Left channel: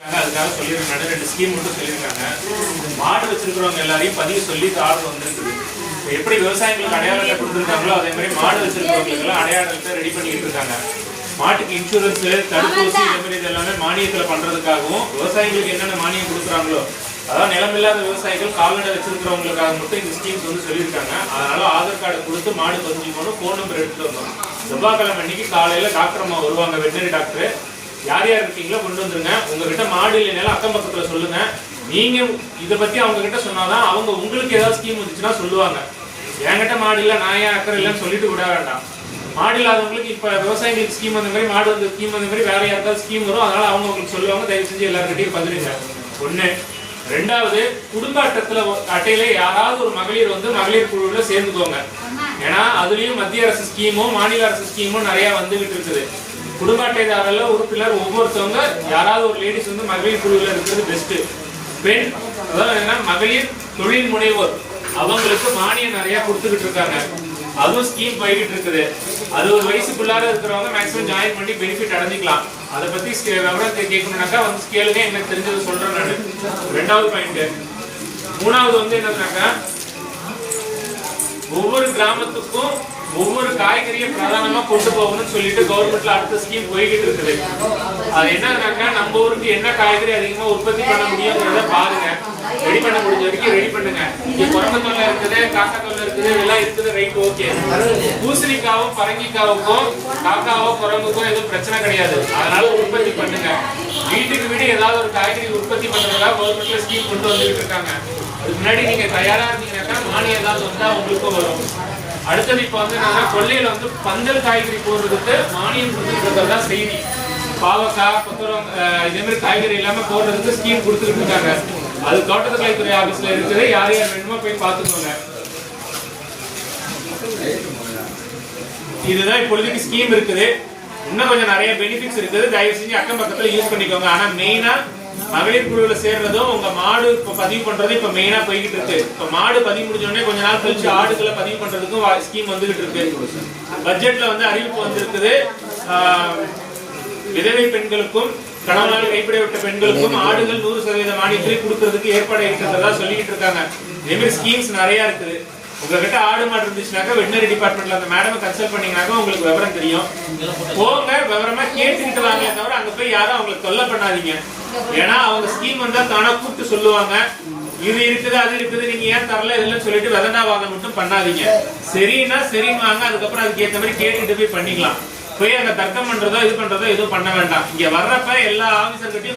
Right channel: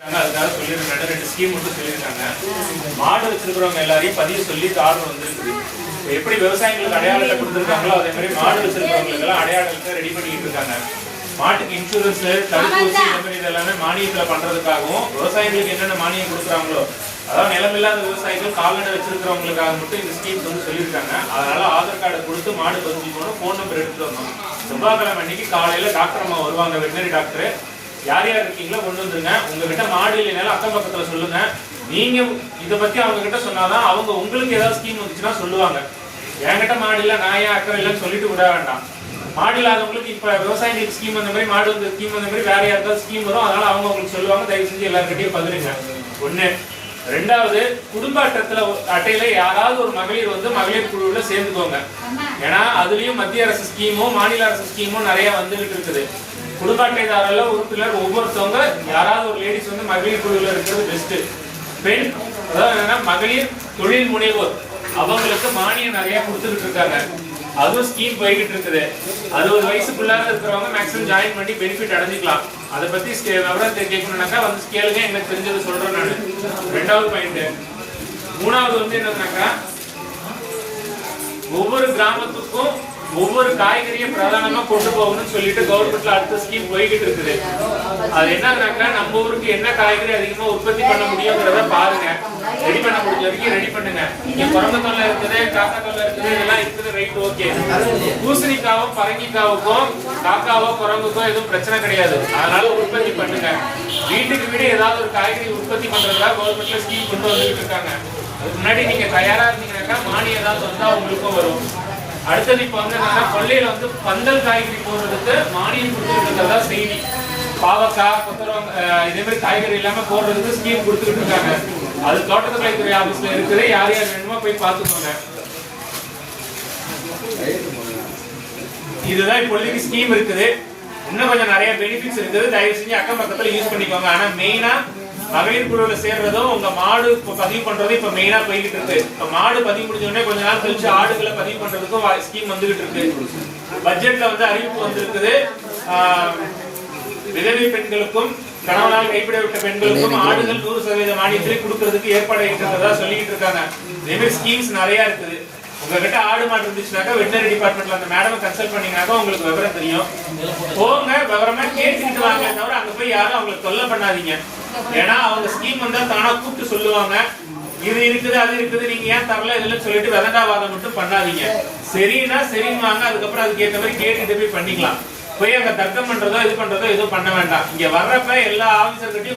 அதுக்காக சொல்லியிருக்காங்க. 2 ஸ்கீம் மட்டும் சொல்லியிருக்காங்க. மாடு வச்சிருக்கிறவங்க எல்லாரையும் பதிவு சொல்லி ஆர்டர் வந்துருக்குது. எப்படி விவசாயிகளுக்கு அடையாளத்தை கொடுத்துருக்காங்களோ அதே மாதிரி மாடு வச்சிருக்கிறவங்களுக்கு எல்லாம் அடையாளத்தை ரெடி பண்ணிட்டு இருக்காங்க. மாட்டுக்கு இன்சூரன்ஸ், தடுப்பூசி இந்த மாதிரி இதெல்லாமே மானியத்துல பண்றதுக்காகவும் விவசாயிகளுக்கு என்னென்ன மானியம் கொடுக்குறாங்களோ, அதாவது நிலமில்லாத விவசாயிகள் கால்நடை வச்சிருக்கிறவங்களுக்காக மட்டும் இந்த ஸ்கீம்ஸ் வந்து சொல்லியிருக்காங்க. அதனால ஆதார் கார்டு கொடுத்து மாடு பதிஞ்சுக்கணும், போன் நம்பர் எடுத்துட்டு வரணும். செவ்வாய்க்கிழமை அன்னைக்கு காலையில டாக்டர் அம்மா வருவாங்க, வெட்டனரி டாக்டர். யார் யார் இருக்கீங்களோ கொண்டு வந்துருங்க. உங்ககிட்ட மாடு இல்லைனாலும் அக்கம் பக்கத்துல சொல்லுங்க. நீங்க இதை பத்தி அவங்க கிட்ட சொன்னாதான் அவங்க உங்களுக்கு ஏதாவது ஸ்கீம் வந்துச்சுன்னா சொல்லுவாங்க. என்கிட்ட மாடு இல்லை, நான் ஏன் அக்கறை இல்லைன்னு சொல்லிட்டு விட வேண்டாம். மாடு இல்லாதவங்களுக்கு இப்ப விவசாயிகளுக்கு ஸ்கீம் வந்த மாதிரி, மாடு வந்து ஸ்கீம் வந்த மாதிரி வேற யாருக்காவது ஸ்கீம் வரும். அதனால அவங்க உங்களுக்கு சொல்லுவாங்க. தயவு செஞ்சு எல்லாருக்கிட்டையும் பதிலுங்க. ஒண்ணு. ரெண்டாவது, குடும்ப அட்டையில யாராவது ஒரு மகளிர் வந்து மகளிர் குழுவுல சேர்ந்துக்கோங்க. ஏன்னா அதுலயும் மத்திய அரசு ஸ்கீமும் மாநில அரசு ஸ்கீமும் நிறைய வந்துகிட்டு இருக்குது. குடும்ப அட்டைதாரர்ல உறுப்பினர் ஒவ்வொருத்தவங்க யாராவது ஒரு லேடிஸ் வந்து மகளிர் குழுவில் இருக்கிறது பெஸ்ட். பெண், அதாவது என்னன்னா மகளிர் தொழில் முனைவோர், அவங்களுக்கு மானியம் நிறைய கொடுத்துக்கிட்டு இருக்காங்க. அதுவும் ஸ்கீம் போய்கிட்டு இருக்குது. 60 வயசுக்குள்ளார இருக்கிறவங்க மேக்ஸிமம் ஜாயின் பண்ணி பெனிஃபிட் அடைஞ்சிக்கலாம். அதை பத்தி விவரத்தை கேட்கணும்னாக்கா வந்து ஸ்கேலுங்க எங்களுக்கு தெரிஞ்சதை சொல்றேன் நான். 2வது பாயிண்ட். 3வது வந்து என்னன்னாக்கா, ஒவ்வொரு கிராமத்துக்கும் ஒவ்வொரு காய்கறியை பிரதானமா கொண்டு போகணும்னு சொல்லிட்டு கவர்மெண்ட்ல அடுத்த ஸ்கீம் போய்கிட்டு இருக்குது. அது என்னன்னாக்கா, நம்ம ஊருக்கு என்ன காய்கறி அதிகமா உற்பத்தி பண்ண முடியுங்கிறத பாருங்க. ரெடி பண்ண முடிஞ்ச வரைக்கும் ரெடி பண்ணுங்க. இங்க குரங்கத்தொல்லை இருக்குது, காக்காத்தொல்லை இருக்குது, இதெல்லாம் இருக்குது, ரைட், ஓகே. பூசணிக்காவும் பரங்கிக்காவுக்கும் காக்காவோ குரங்குக்கோ எதுவும் பிரச்சனை கிடையாது. அதனால உற்பத்தி பண்ணுங்க. வீட்டுக்கு வீடு ஏதாவது ஒரு காய்கறி உற்பத்தி பண்றதுக்காக கவர்மெண்ட்ல ஸ்கீம் கொண்டு வந்துட்டு இருக்காங்க. அதுக்கு முன்னாடி நீங்க தயாரா இருந்தீங்கன்னாக்கா மானியம் ஏதாவது வந்தா உங்களுக்கும் வரும். அடுத்தது இப்ப வந்து என்னன்னா, கொள்ளையில வந்து பந்தல் காய்கறி போடுறதுக்கு மானியம் கொடுத்துட்டு இருக்கிறதா செய்தி. பாவக்காய், கொத்தவரங்காய் இதே மாதிரி காய்கறி எல்லாமே போடுறதுக்கு ஸ்கீம் கொடுத்துக்கிட்டு இருக்காங்க. அது தோட்டக்கலைத்துறை ஆபீஸ்ல இருக்குது. யார் யார் வேணுமோ போய் பார்த்துக்கோங்க. இதுதான் இப்பொழுதுக்கு ஸ்கீம் இருக்குது. இன்னும் கொஞ்சம் நிறைய பெனிஃபிட்ஸ் இருக்குது. தயவு செஞ்சு அக்கம் பக்கத்துல யூஸ் பண்ணிக்கோங்க. ஆனா மெயினா மகளிர் குழுவுல சேர்றதும் உங்க மாடு பதிவு பண்றதும் இப்ப மெயினா போய்கிட்டு இருக்கு. இப்ப மாடு பதிவு முடிஞ்ச உடனே கொஞ்ச நாள் கழிச்சு ஆடுகளை பதிவு பண்றதுக்கும் ஸ்கீம் வந்துகிட்டு இருக்கு. பட்ஜெட்ல வந்து அறிவிப்பு வந்திருக்குது. விதவை பெண்களுக்கும் கணவனால் கைப்பிடப்பட்ட பெண்களுக்கும் ஆடுகள் 100% மானியத்திலே கொடுக்கறதுக்கு ஏற்பாடு இருக்கிறதா சொல்லிட்டு இருக்காங்க. இதே மாதிரி ஸ்கீம்ஸ் நிறைய இருக்குது. உங்ககிட்ட ஆடு மாடு இருந்துச்சுனாக்கா வெட்டனரி டிபார்ட்மெண்ட்ல அந்த மேடம் கன்சல்ட் பண்ணீங்கன்னாக்கா உங்களுக்கு விவரம் தெரியும். போங்க, விவரமா கேட்டுக்கிட்டு வாங்க. தவிர அங்க போய் யாரும் அவங்களுக்கு தொல்லை பண்ணாதீங்க. ஏன்னா அவங்க ஸ்கீம் வந்தா தானா கூப்பிட்டு சொல்லுவாங்க, இது இருக்குது அது இருக்குது, நீங்க ஏன் தரல இதுல சொல்லிட்டு வெதண்டாவாதம் மட்டும் பண்ணாதீங்க. சரின்னா சரிவாங்க. அதுக்கப்புறம் அதுக்கு ஏற்ற மாதிரி கேட்டுட்டு போய் பண்ணிக்கலாம். போய் அங்க தர்க்கம் பண்றதோ இது பண்றதோ எதுவும் பண்ண வேண்டாம். இங்க வர்றப்ப எல்லா ஆபீசர்கிட்டையும்